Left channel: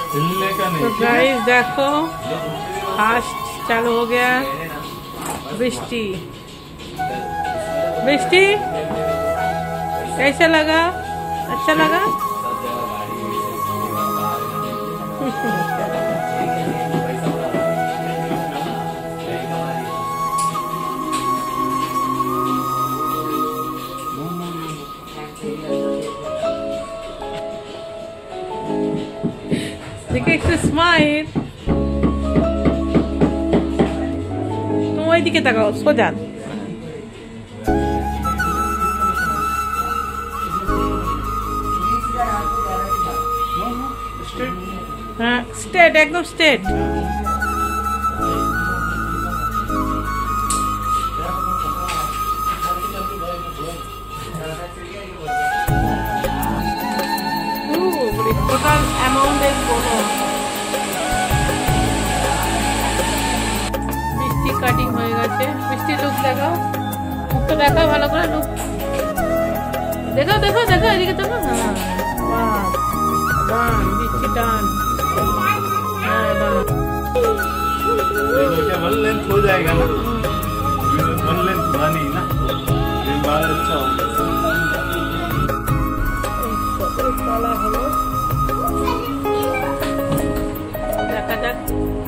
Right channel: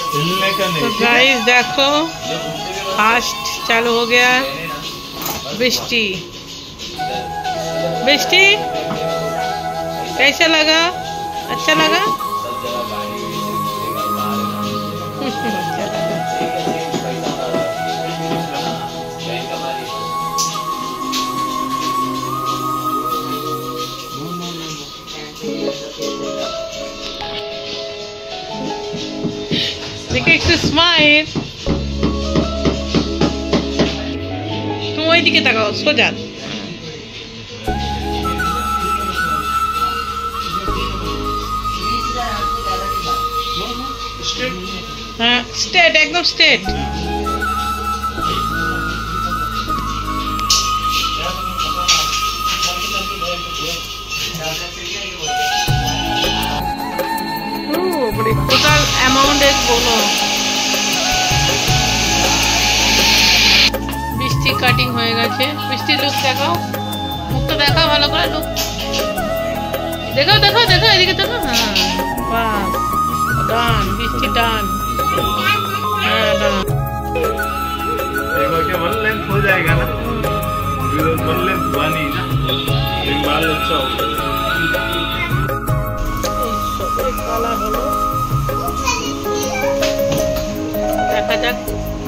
तो गाइस देखो फास्ट चालू हो गया बृष्टि। बृष्टि कैसा लगा? अच्छा लगा? अच्छा लगा। देखिए एक स्माइल। तुम वही दिखे तकाओ सो जा। हाँ स्ट्रेट एकदम स्ट्रेट। টোটাল অ্যামাউন্ট বলো। বৃষ্টি কাটিং হয়ে গেছে। বৃষ্টির লুক দেখাও, মুখটা দেখাও ভালো করে। লুক দেখাও দেখাও দেখাও এদিকে দেখো। হ্যাঁ বাহ ডান বৃষ্টি ডান। हाँ डान। देखो क्या वन लेंथ हो जाएगा ना, वन लेंथ बनी ना, लेकिन बाल अच्छा हो। কালার হলো দেখা যাক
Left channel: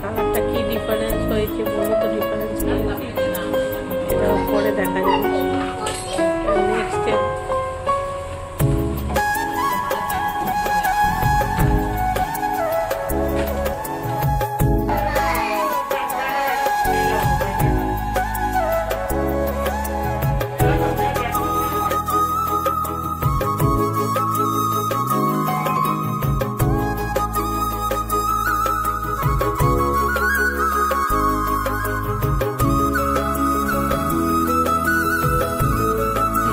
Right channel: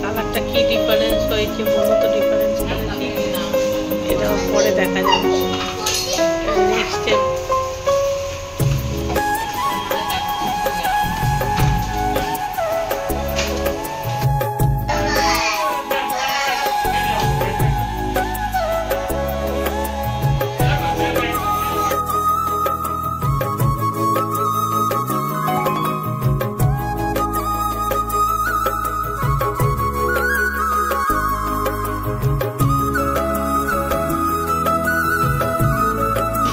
কালারটা কি ডিফারেন্স হয়েছে বলো তো। ডিফারেন্স করেছি এটাও পরে দেখা যাবে। নেক্সট স্টেপ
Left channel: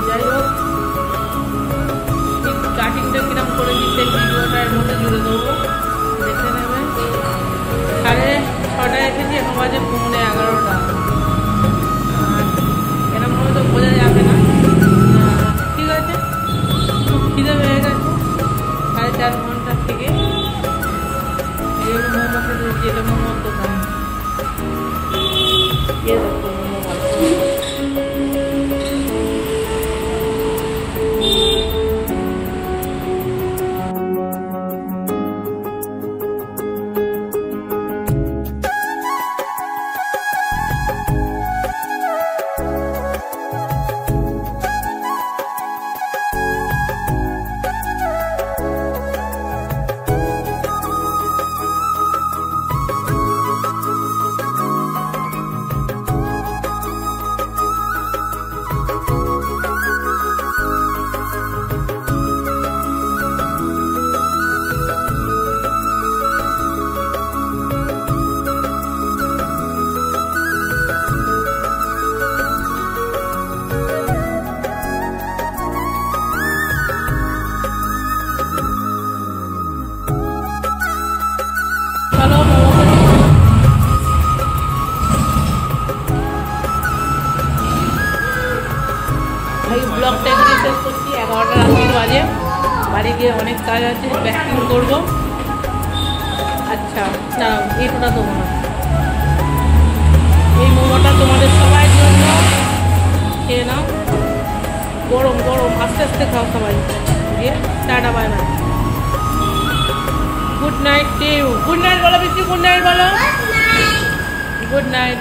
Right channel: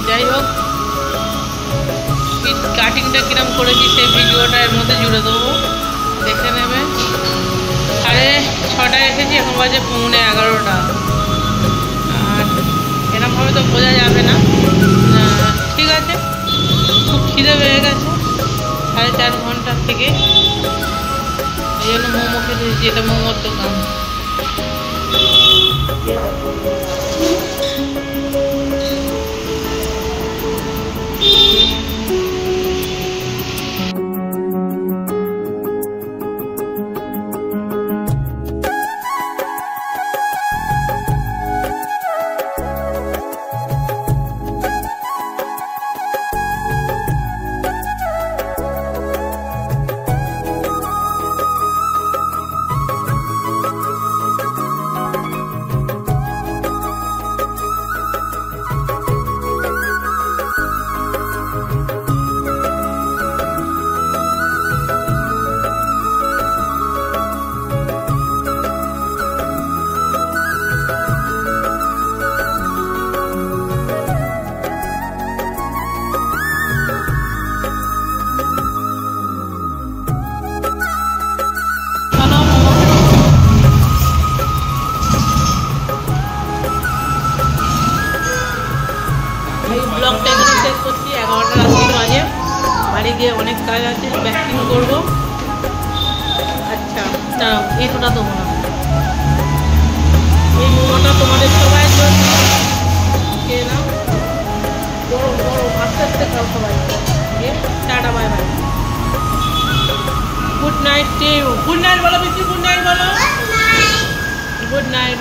যাই হোক কাটিংটা কিরম করেছি সেই ভিডিওটা এর মধ্যে জুড়ে দেবো, দেখে নেবে। 6:30 এসেছি, এখন বাজে 11:15। আর এরমভাবে তো বোঝা যাবে না। ঠিক আছে খুব খিদে পেয়ে গেছে 4.5 ঘন্টার থেকে, এই জন্য মোমো খেতে দিচ্ছি। এটা মোমোর দোকান। এই ব্লগটা এখানে শেষ করছি। 11টা রাত্রি বাজে। বাড়ি গিয়ে অনেক কাজ আছে, প্যাকিং করবো। আচ্ছা না এইটা দেবো না, এই মোমোটা তোমাদের সবাই জন্য খেয়ে নাও। গরম গরম আস্তে আস্তে খাও সবাই। দিয়ে tata bye bye. Good night to you. Good night বলো বেশি। গুড নাইট বলো। Good night.